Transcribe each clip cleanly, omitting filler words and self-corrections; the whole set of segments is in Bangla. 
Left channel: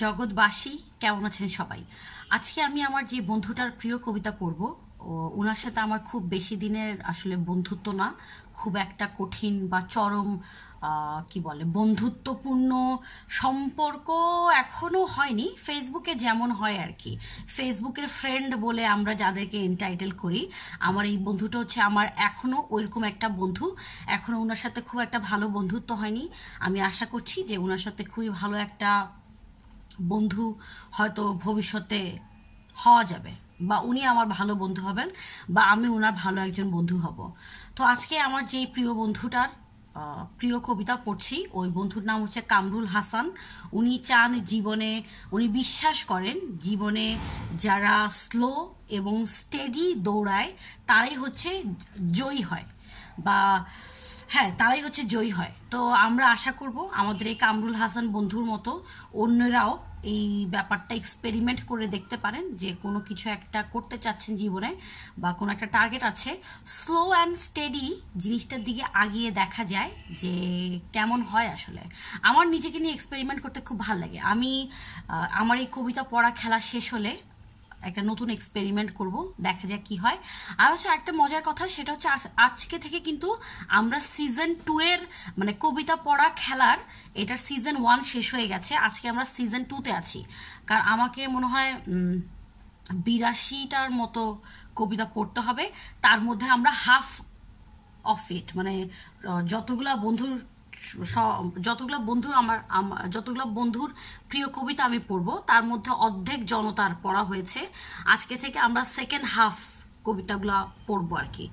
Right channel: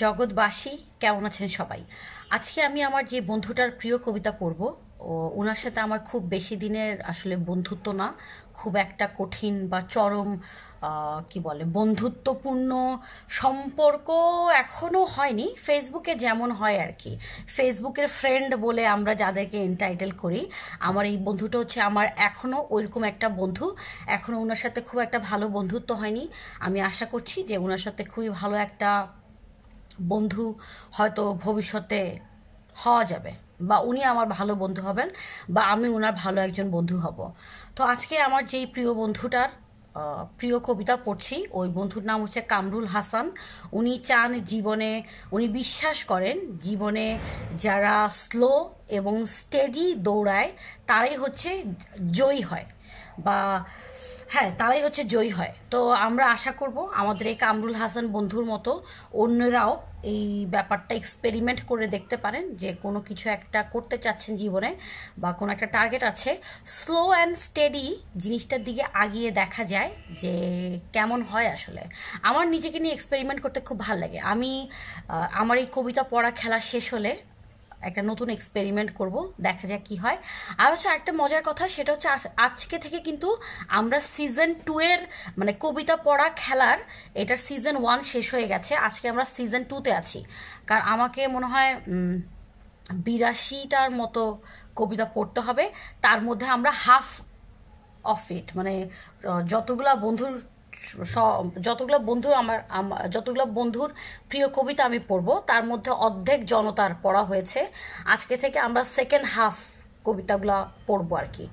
জগৎবাসী কেমন আছেন সবাই? আজকে আমি আমার যে বন্ধুটার প্রিয় কবিতা পড়ব। ওনার সাথে আমার খুব বেশি দিনের আসলে বন্ধুত্ব না, খুব একটা কঠিন বা চরম কি বলে বন্ধুত্বপূর্ণ সম্পর্ক এখনো হয়নি, ফেসবুকে যেমন হয় আর কি। ফেসবুকের ফ্রেন্ড বলে আমরা যাদেরকে এন্টাইটেল করি, আমার এই বন্ধুটা হচ্ছে আমার এখনো ওইরকম একটা বন্ধু। এখনো ওনার সাথে খুব একটা ভালো বন্ধুত্ব হয়নি। আমি আশা করছি যে ওনার সাথে খুবই ভালো একটা বন্ধু হয়তো ভবিষ্যতে হওয়া যাবে, বা উনি আমার ভালো বন্ধু হবেন, বা আমি ওনার ভালো একজন বন্ধু হব। তো আজকে আমার যেই প্রিয় বন্ধুটার প্রিয় কবিতা পড়ছি, ওই বন্ধুর নাম হচ্ছে কামরুল হাসান। উনি চান জীবনে, উনি বিশ্বাস করেন জীবনে যারা স্লো এবং স্টেডি দৌড়ায় তারাই হচ্ছে জয়ী হয়, বা হ্যাঁ তারাই হচ্ছে জয়ী হয়। তো আমরা আশা করব আমাদের এই কামরুল হাসান বন্ধুর মতো অন্যরাও এই ব্যাপারটা এক্সপেরিমেন্ট করে দেখতে পারেন, যে কোনো কিছু একটা করতে চাচ্ছেন জীবনে বা কোনো একটা টার্গেট আছে, স্লো অ্যান্ড স্টেডি জিনিসটার দিকে আগিয়ে দেখা যায় যে কেমন হয়। আসলে আমার নিজেকে নিয়ে এক্সপেরিমেন্ট করতে খুব ভালো লাগে। আমি আমার এই কবিতা পড়া খেলা শেষ হলে একটা নতুন এক্সপেরিমেন্ট করব, দেখা যাক কি হয়। আর হচ্ছে একটা মজার কথা, সেটা হচ্ছে আজকে থেকে কিন্তু আমরা সিজন 2 এর মানে কবিতা পড়া খেলার, এটার সিজন 1 শেষ হয়ে গেছে, আজকে আমরা সিজন 2-তে আছি। কারণ আমাকে মনে হয় 82টার মতো কবিতা পড়তে হবে, তার মধ্যে আমরা হাফ অফ ইট মানে যতগুলা বন্ধুর প্রিয় কবিতা আমি পড়বো তার মধ্যে অর্ধেক জনতার পড়া হয়েছে। আজকে থেকে আমরা সেকেন্ড হাফ কবিতাগুলা পড়বো আর কি।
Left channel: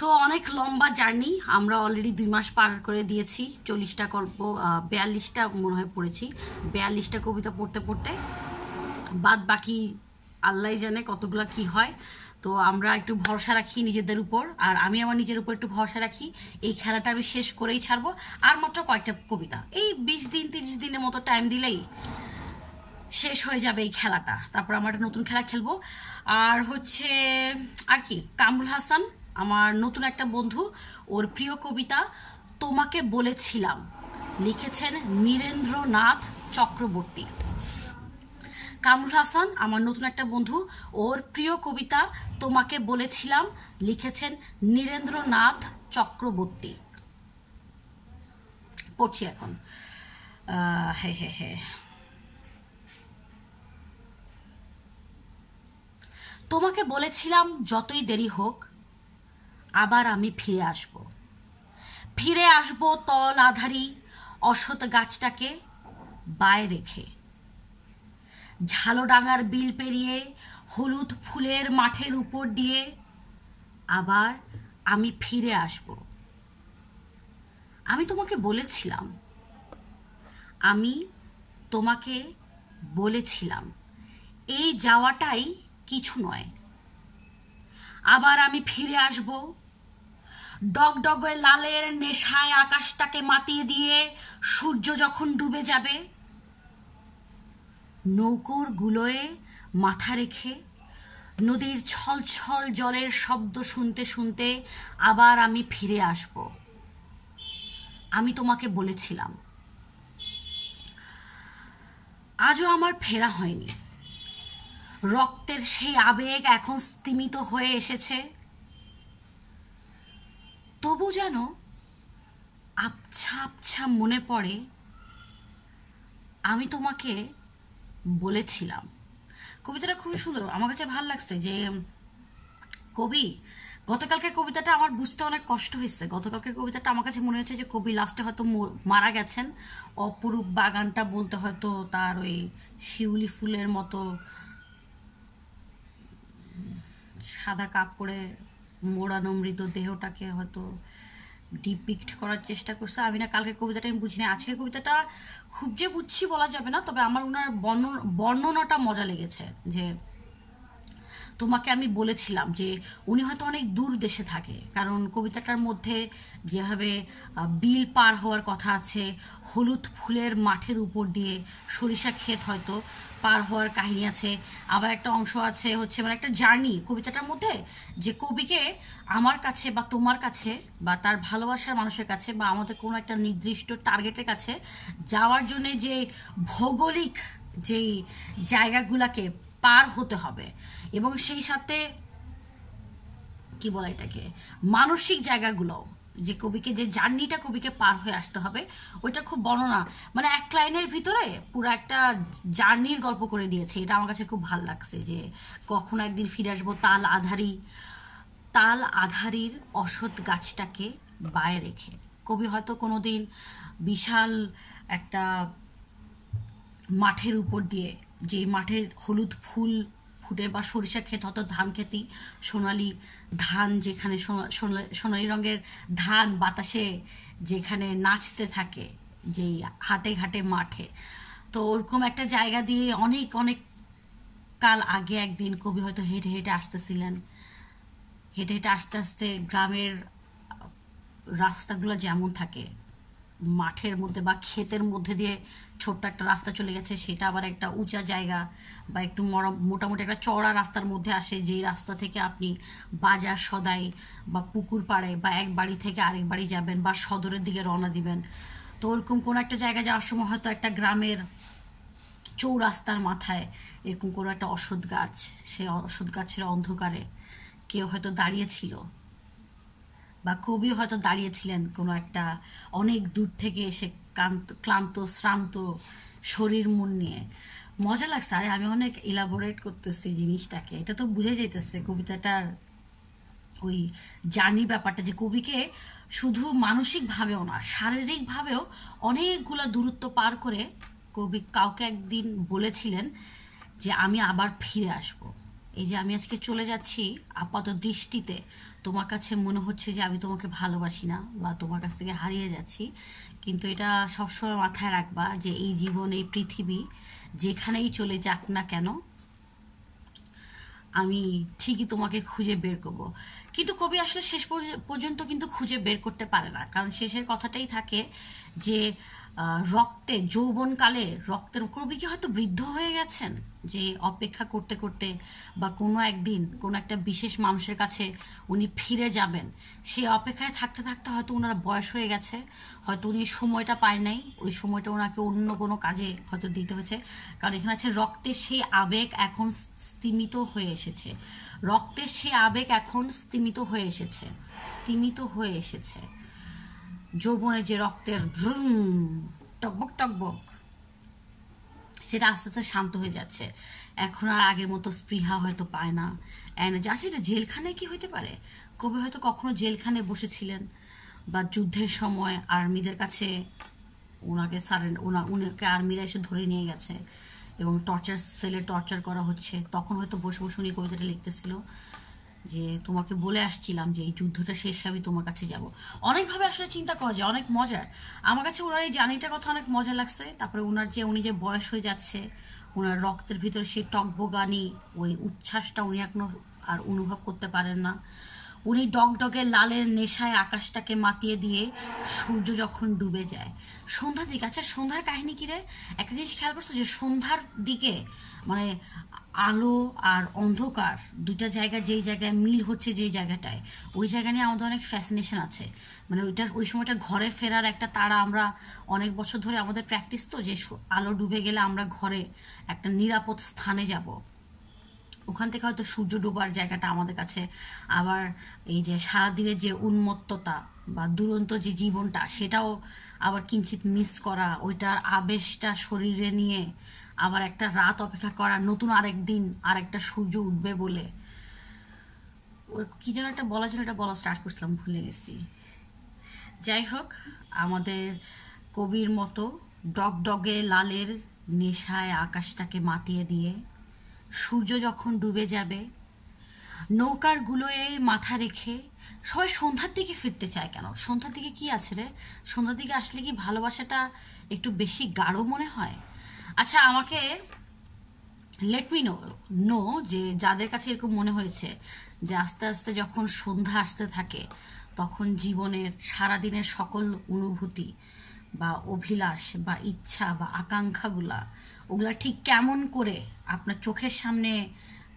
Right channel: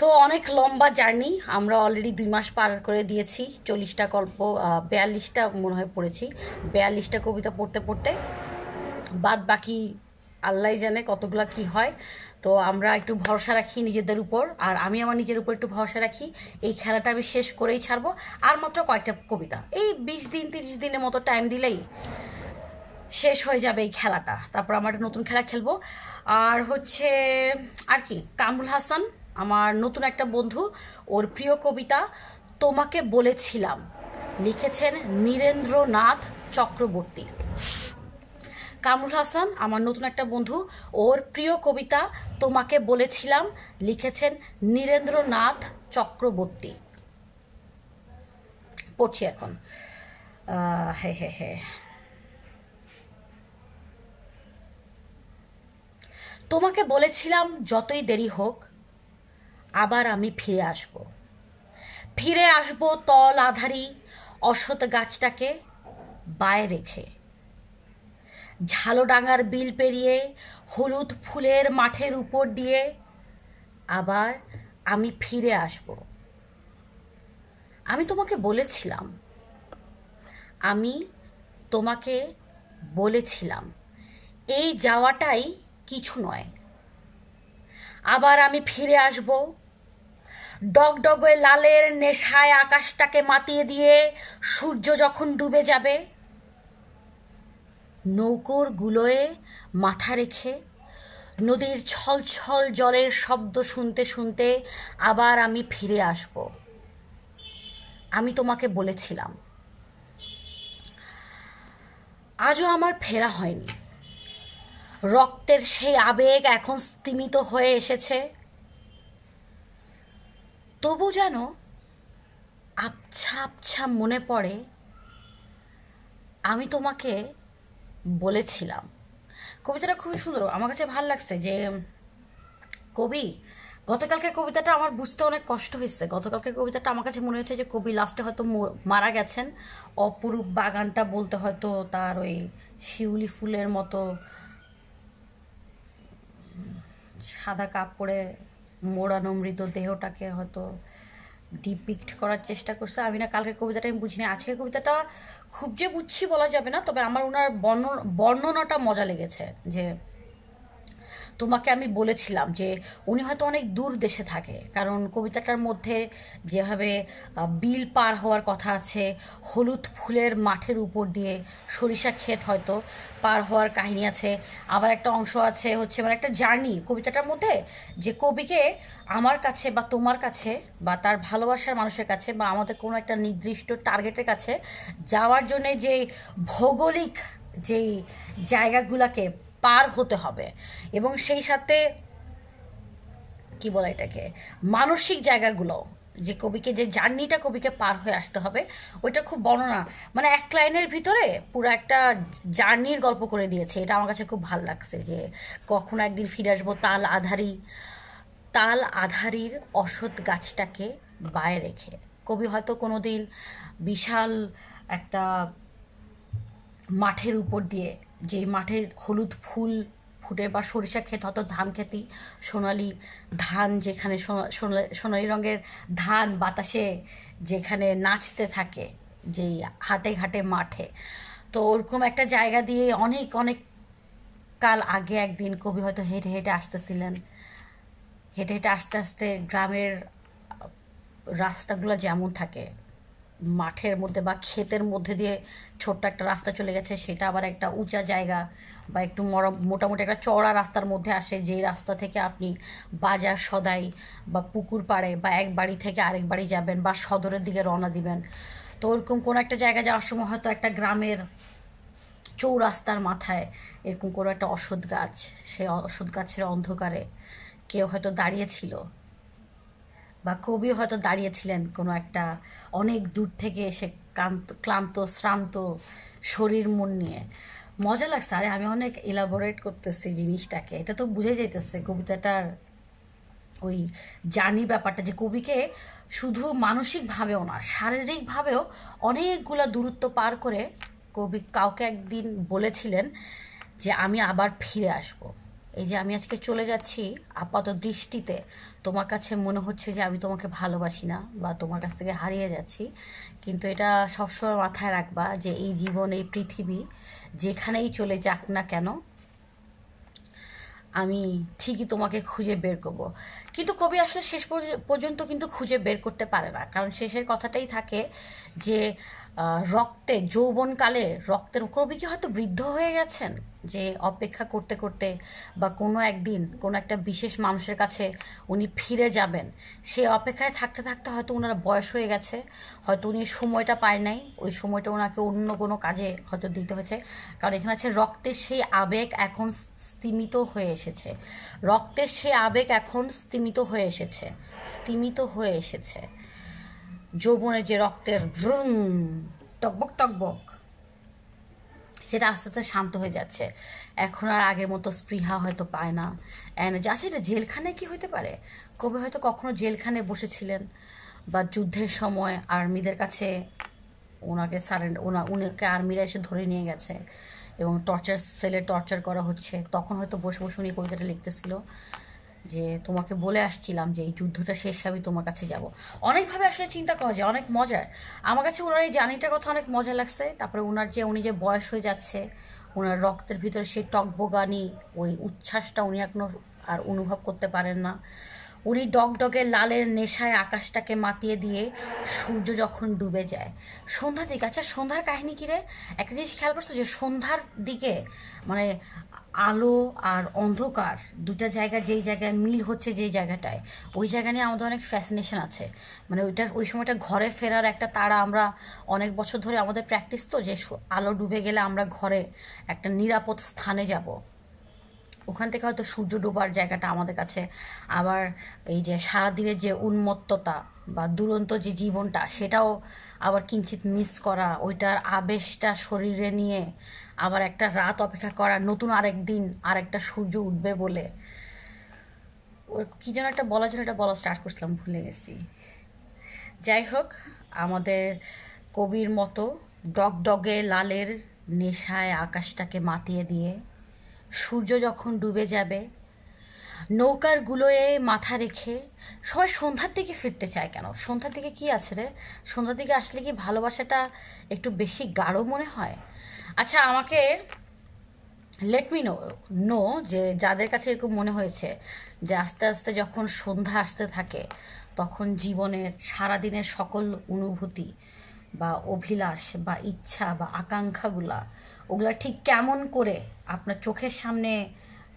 তো অনেক লম্বা জার্নি, আমরা অলরেডি 2 মাস পার করে দিয়েছি। 40টা গল্প, 42টা মনে হয় পড়েছি। 42টা কবিতা পড়তে পড়তে বাদ বাকি আল্লাহ জানে কতগুলা কি হয়। তো আমরা একটু ভরসা রাখি নিজেদের উপর, আর আমি আমার নিজের উপর একটু ভরসা রাখি। এই খেলাটা আমি শেষ করেই ছাড়বো। আর মাত্র কয়েকটা কবিতা, এই 20 দিন 30 দিনের মতো টাইম দিলেই শেষ হয়ে যাবে এই খেলাটা। তারপর আমরা একটা নতুন খেলা খেলবো। আর হচ্ছে আর কি, কামরুল হাসান আমার নতুন একটা বন্ধু, ওর প্রিয় কবিতা তোমাকে বলেছিলাম, লিখেছেন নীরেন্দ্রনাথ চক্রবর্তী। কামরুল হাসান আমার নতুন একটা বন্ধু, ওর প্রিয় কবিতা তোমাকে বলেছিলাম, লিখেছেন নীরেন্দ্রনাথ চক্রবর্তী। পড়ছি এখন। তোমাকে বলেছিলাম যতই দেরি হোক আবার আমি ফিরে আসব তল আধারি অসত গাছটাকে বায়ে রেখে, ঝালোডাঙ্গার বিল পেরিয়ে হলুদ ফুলের মাঠের উপর দিয়ে আবার আমি ফিরে আসব। আমি তোমাকে বলেছিলাম এই যাওয়াটাই কিছু নয়, আবার আমি ফিরে আসব। ডগডগে লালের নেশায় আকাশটাকে মাতিয়ে দিয়ে সূর্য যখন ডুবে যাবে, নৌকোর গুলোয় মাথা রেখে নদীর ছলছল জলের শব্দ শুনতে শুনতে আবার আমি ফিরে আসব। আমি তোমাকে বলেছিলাম। আজও আমার ফেরা হয়নি। রক্তের সেই আবেগ এখন স্তিমিত হয়ে এসেছে, তবু যেন আবছা আবছা মনে পড়ে আমি তোমাকে বলেছিলাম। কবিতাটা খুবই সুন্দর, আমার কাছে ভালো লাগছে। যে কবি গতকালকের কবিতাটা আমার বুঝতে অনেক কষ্ট হয়েছে। গতকালকের কবিতাটা আমার কাছে মনে হয়েছে যে কবি লাস্টে হয়তো মারা গেছেন। অপরূপ বাগানটা বলতে হয়তো তার ওই শিউলি ফুলের মতো সাদা কাপড়ে মোড়ানো মৃতদেহটাকে হয়তো ডিপিক্ট করার চেষ্টা করছে। আমি না কালকের কবিতাটা আমি বুঝিনি, আজকের কবিতাটা খুব যে বুঝছি বলা যাবে না, তবে আমার ওনার বর্ণনাটা মজা লেগেছে। যে তোমাকে আমি বলেছিলাম, যে উনি হয়তো অনেক দূর দেশে থাকে, কারণ কবিতাটার মধ্যে যেভাবে বিল পার হওয়ার কথা আছে, হলুদ ফুলের মাঠের উপর দিয়ে সরিষা ক্ষেত হয়তো পার হওয়ার কাহিনী আছে। আবার একটা অংশ আছে হচ্ছে মানে একটা জার্নি কবিতাটার মধ্যে, যে কবিকে আমার কাছে বা তোমার কাছে বা তার ভালোবাসার মানুষের কাছে বা আমাদের কোনো একটা নির্দিষ্ট টার্গেটের কাছে যাওয়ার জন্য যে ভৌগোলিক যেই জায়গাগুলোকে পার হতে হবে, এবং সেই সাথে কি বলে এটাকে মানসিক জায়গাগুলো, যে কবিকে যে জার্নিটা কবিকে পার হয়ে আসতে হবে, ওইটা খুব বর্ণনা, মানে এক লাইনের ভিতরে পুরো একটা জার্নির গল্প করে দিয়েছে। এটা আমার কাছে খুব ভালো লাগছে, যে কখনো একদিন ফিরে আসবো তাল আধারির অসৎ গাছটাকে বায়ে রেখে। কবি হয়তো কোনোদিন বিশাল একটা মাঠের উপর দিয়ে, যে মাঠের হলুদ ফুল ফুটে, বা সরিষা ক্ষেত, হয়তো ধান খেতি, সোনালি ধান, যেখানে সোনালি রঙের ধান বাতাসে যেখানে নাচতে থাকে, যেই হাটে ঘাটে মাঠে, তো ওরকম একটা জায়গা দিয়ে অনেক অনেক কাল আগে একদিন কবি হয়তো হেঁটে হেঁটে আসতেছিলেন। হেঁটে হেঁটে আস্তে আস্তে গ্রামের রাস্তাগুলো যেমন থাকে, মাঠের মধ্যে বা ক্ষেতের মধ্যে দিয়ে ছোট্ট একটা রাস্তা চলে গেছে, সেটা আবার একটা উঁচা জায়গা বা একটু মোটামুটি একটা চওড়া রাস্তার মধ্যে আসে, যেই রাস্তা থেকে আপনি বাজার সদাই বা পুকুর পাড়ে বা এক বাড়ি থেকে আরেক বাড়ি যাবেন বা সদরের দিকে রওনা দিবেন। তো ওরকম কোনো একটা জায়গা যাওয়ার সময় হয়তো একটা গ্রামের চৌরাস্তার মাথায় এরকম কোনো একটা অশ্বত্থ গাছ, সে অশ্বত্থ গাছের অন্ধকারে কেউ হয়তো দাঁড়িয়েছিল, বা কবি হয়তো দাঁড়িয়েছিলেন কোনো একটা অনেক দূর থেকে এসে ক্লান্ত শ্রান্ত শরীর মন নিয়ে। মজা লাগছে, আরে আমি অনেক ইলাবোরেট করতেছি জিনিসটাকে, এটা তো বুঝে যাইতেছে কবিতাটার ওই জার্নি ব্যাপারটা, যে কবিকে শুধু মানসিকভাবেও না, শারীরিকভাবেও অনেকগুলা দূরত্ব পার করে কবি কাউকে একদিন বলেছিলেন যে আমি আবার ফিরে আসব। এই যে আমি আজকে চলে যাচ্ছি, আপাত দৃষ্টিতে তোমার কাছে মনে হচ্ছে যে আমি তোমাকে ভালোবাসি না বা তোমার কাছ থেকে হারিয়ে যাচ্ছি, কিন্তু এটা সবসময় মাথায় রাখবা যে এই জীবন, এই পৃথিবী যেখানেই চলে যাক না কেন, আমি ঠিকই তোমাকে খুঁজে বের করব। কিন্তু কবি আসলে শেষ পর্যন্ত কিন্তু খুঁজে বের করতে পারে না, কারণ শেষের কথাটাই থাকে যে রক্তে, যৌবনকালে রক্তের, কবি কি হয়তো বৃদ্ধ হয়ে গেছেন, যে অপেক্ষা করতে করতে বা কোনো একদিন কোনো একটা বিশেষ মানুষের কাছে উনি ফিরে যাবেন, সে অপেক্ষায় থাকতে থাকতে হয়তো ওনার বয়স হয়ে গেছে, হয়তো উনি সময়টা পায় নাই, ওই সময়টা ওনাকে অন্য কোনো কাজে হয়তো দিতে হয়েছে। কারণ এখানে হচ্ছে রক্তের সেই আবেগ এখন স্তিমিত হয়ে এসেছে, রক্তের সেই আবেগ এখন স্তিমিত হয়ে এসেছে। যৌবনে যে রক্তের ভ্রুম টকবক টকবক, সেটা আস্তে আস্তে শান্ত হয়ে যাচ্ছে। এখন আর আগের মতো স্পৃহা হয়তো পায় না। আচ্ছা, এটা জেলখানায় কি হইতে পারে? কবি হয়তো কখনো জেলখানায় বসেছিলেন, বা যুদ্ধের সময় আর্মিদের কাছে উনাকে আর্মিরা এসে ধরে নিয়ে গেছে এবং সেলে টর্চার করা হচ্ছে, তখন হয়তো বসে বসে উনি কবিতাটা লিখতেছিল যে তোমাকে বলে আসছিলাম যে এই যুদ্ধটা শেষ আমি তোমার কাছে যাব। অনেকভাবে আসলে চিন্তা করা যায়, অনেক মজার। আমার কাছে ওনার এই জার্নিটার কথা অনেক মজা লাগছে। তারপরে উনি যে বয়স হয়ে যাচ্ছে, ওনার রক্তের ভিতরে সেই টকবগানি ওই উচ্ছ্বাসটা উনি এখনো আর অনুভব করতে পারেন না। উনি ডগডগে লালের নেশায় আকাশটাকে মাতিয়ে দিয়ে সূর্য যখন ডুবে যায় সন্ধ্যার দিকে। আচ্ছা, সন্ধ্যার কাহিনী কি রে? একটা জিনিস খেয়াল করছো যে সন্ধ্যার দিকে মানে আলো আর অন্ধকার দুইটা জায়গা, যেই জায়গায় মিল হচ্ছে, যেই জায়গাটায়, ওই জায়গা নিয়ে আমাদের অনেক ফ্যাসিনেশন আছে। মানে ওই সময়টা ঘরে ফেরার একটা তাড়া, আমরা অনেক বছর ধরে আমাদের প্র্যাকটিস তো, যে আলো ডুবে গেলে আমরা ঘরে একটা নিরাপদ স্থানে যাব, ওখান থেকে হয়তো সূর্য ডোবার জায়গাটা আমাদের কাছে। আবার এই যে সারাদিনের যে উন্মত্ততা বা দুরন্ত যে জীবনটা, সেটাও আবার কিঞ্চিত মিস করা, ওইটার আবেশটা শরীরে নিয়ে আবার একটা রাত অপেক্ষা করা, নতুন আরেকদিন আরেকটা সূর্য উঠবে বলে। ওর কি যেন একটা বলার জন্য এটা বলা স্টার্ট করছিলাম, ভুলে গেছি। যাই হোক, আমাদের কবির মতো ডগডগে লালের নেশায় আকাশটাকে মাতিয়ে দিয়ে সূর্য যখন ডুবে যাবে, নৌকার গুলোয় মাথা রেখে সবাই সন্ধ্যার দিকে ফিরতে চায় কেন? সন্ধ্যার দিকে কি আছে রে? সন্ধ্যার দিকে আসলে কি ভালোবাসাটা একটু বেশি গাঢ় মনে হয়? আচ্ছা, আমাকে লেট মি নো যে যাদের কাছে এরকম মনে হয়েছে যে আস্তে আস্তে যখন সন্ধ্যা আসতে থাকে, তখন জীবনের সারাদিনের সকল অনুভূতি বা অভিলাষ বা ইচ্ছা বা আকাঙ্ক্ষাগুলা, ওগুলা ঠিক কেমন করে আপনার চোখের সামনে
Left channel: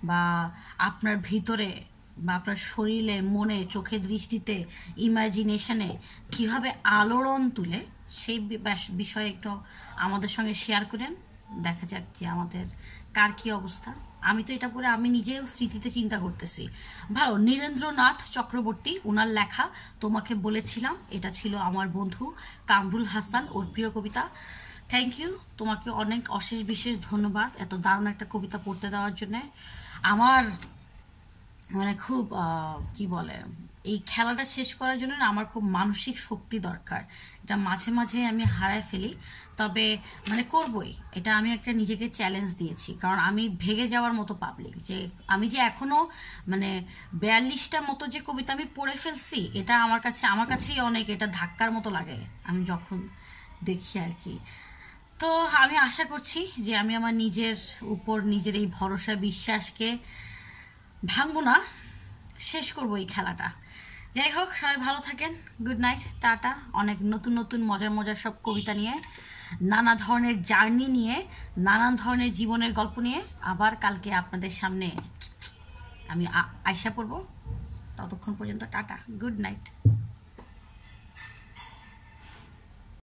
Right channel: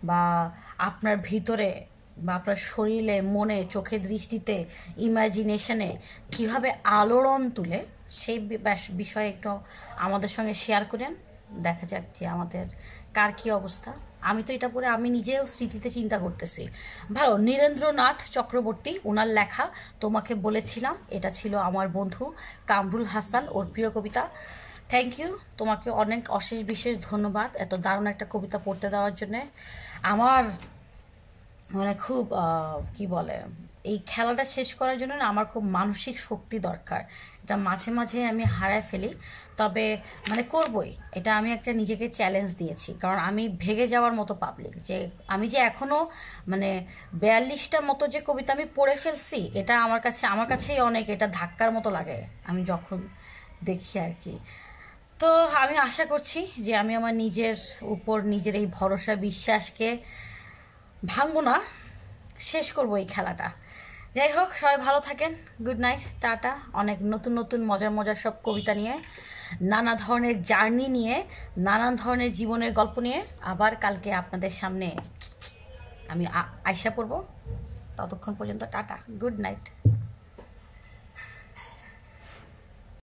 বা আপনার ভিতরে বা আপনার শরীরে, মনে, চোখের দৃষ্টিতে, ইমাজিনেশনে কিভাবে আলোড়ন তুলে, সেই বিষয়ে একটু আমাদের সঙ্গে শেয়ার করেন। দেখা যাক যে আমাদের কার কি অবস্থা। আমি তো এটা পড়ে আমি নিজেও স্মৃতিতে চিন্তা করতেছি। ভালো, নীরেন্দ্রনাথ চক্রবর্তী, ওনার লেখা তোমাকে বলেছিলাম, এটা ছিল আমার বন্ধু কামরুল হাসান, ওর প্রিয় কবিতা। থ্যাংক ইউ, তোমাকে অনেক অশেষ বিশেষ ধন্যবাদ এত দারুণ একটা কবিতা পড়তে দেওয়ার জন্য। আমার মানে খুব কি বলে, এই খেলাটা শেষ করার জন্য না আমার খুব মানসিক শক্তি দরকার। এটা মাঝে মাঝে আমি হারায় ফেলি, তবে মানে করবই, এটা আমি একটা নিজেকে চ্যালেঞ্জ দিয়েছি, কারণ আমি ভেগে যাওয়ার মতো পাবলিক, যে আমি যে এখনো মানে 42টা মতো যে কবিতা আমি পড়ে ফেলছি, এটা আমার কাছেই অনেক এটা ধাক্কার মতো লাগে আমি যখন দেখি আর কি। তো আমি আশা করছি যে আমি আমার নিজের উপর নিজের এই ভরসা বিশ্বাসকে ভাঙবো না, শেষ করবো এই খেলাটা। যাই হোক, সবাই ভালো থাকেন, গুড নাইট, টাটা। অনেক নতুন নতুন মজার মজার সব কবিতা নিয়ে, নানা ধরনের জার্নি নিয়ে, নানান ধরনের জীবনের গল্প নিয়ে আবার কালকে আপনাদের সামনে আমি আয়সা পড়বো। ততক্ষণ পর্যন্ত টাটা, গুড নাইট।